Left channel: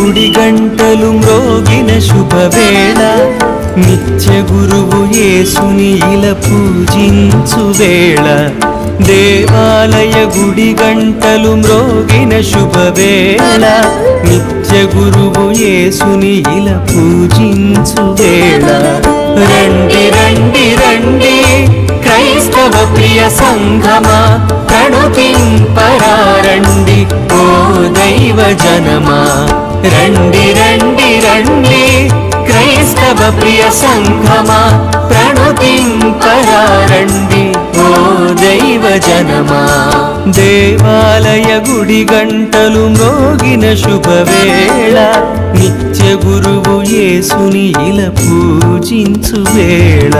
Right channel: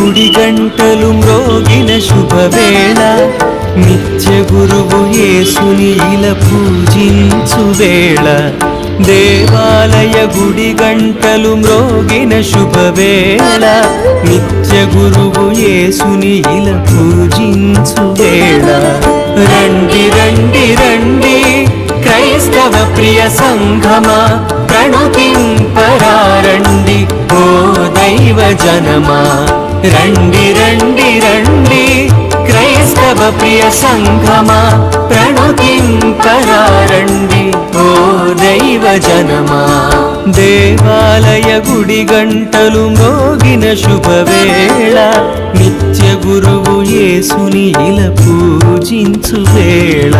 గుడి గంటలు మ్రోగిన శుభవేళ నిత్య గురువు యేసుని ఇలా పూజించు వేళ. దేవాలయ గుడి గంటలు మ్రోగిన శుభవేళ నిత్య గురువు యేసుని ఇలా పూజించు వేళ. రండి రండి రండి క్రైస్తవ ప్రియ సంఘమా ప్రణుతింపరారండి ఓ దైవ జనమా. రండి రండి రండి క్రైస్తవ ప్రియ సంఘమా ప్రణుతింపరారండి ఓ దైవ జనమా. దేవాలయ గుడి గంటలు మ్రోగిన శుభవేళ నిత్య గురువు యేసుని ఇలా పూజించు వేళ.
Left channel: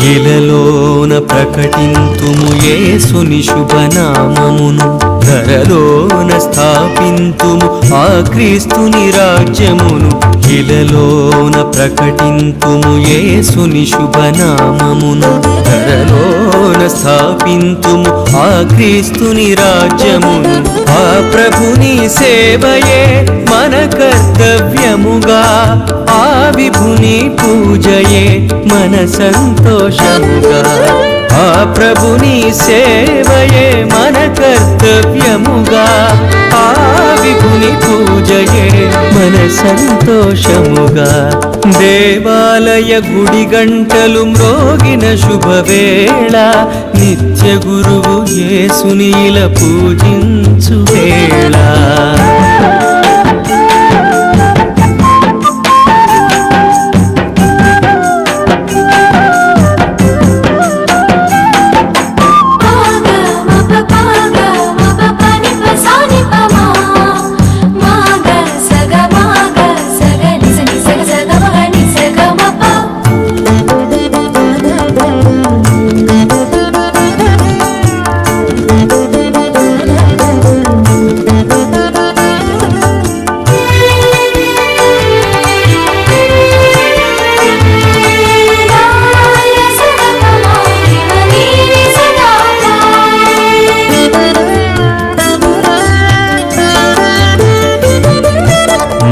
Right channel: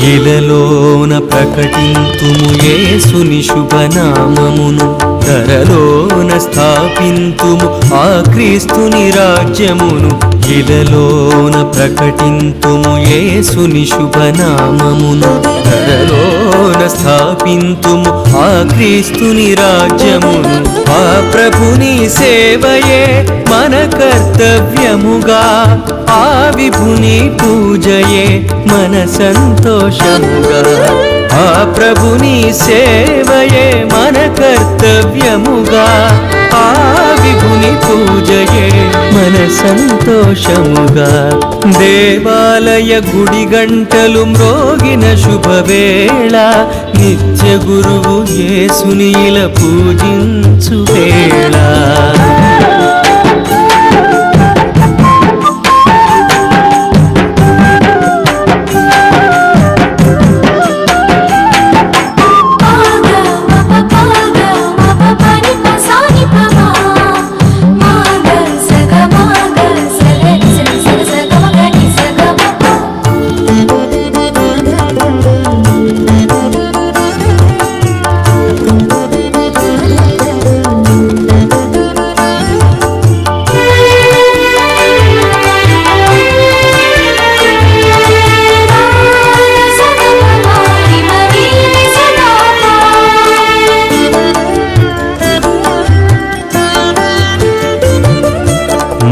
ఇలలోన ప్రకటింతుము యేసుని శుభనామమును. ధరలోన స్థాపింతుము ఆ క్రీస్తుని రాజ్యమును. ఇలలోన ప్రకటింతుము యేసుని శుభనామమును. ధరలోన స్థాపింతుము ఆ క్రీస్తుని రాజ్యమును ఆ ప్రభుని సేవయే మన కర్తవ్యముగా. ఆ విభుని పూజయే మన సంతోషముగా. ఆ ప్రభుని సేవయే మన కర్తవ్యముగా. ఆ విభుని పూజయే మన సంతోషముగా. దేవాలయ గుడి గంటలు మ్రోగిన శుభవేళ నిత్య గురువు యేసునీల పూజించు వేళ.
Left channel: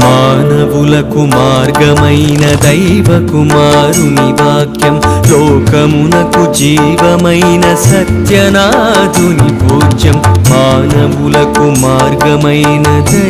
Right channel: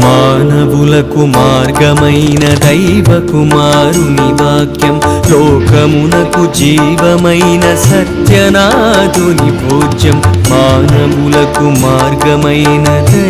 మానవులకు మార్గమైన దైవ కుమారుని వాక్యం లోకమునకు జీవమైన సత్యనాథుని భోజ్యం. మానవులకు మార్గమైన దైవ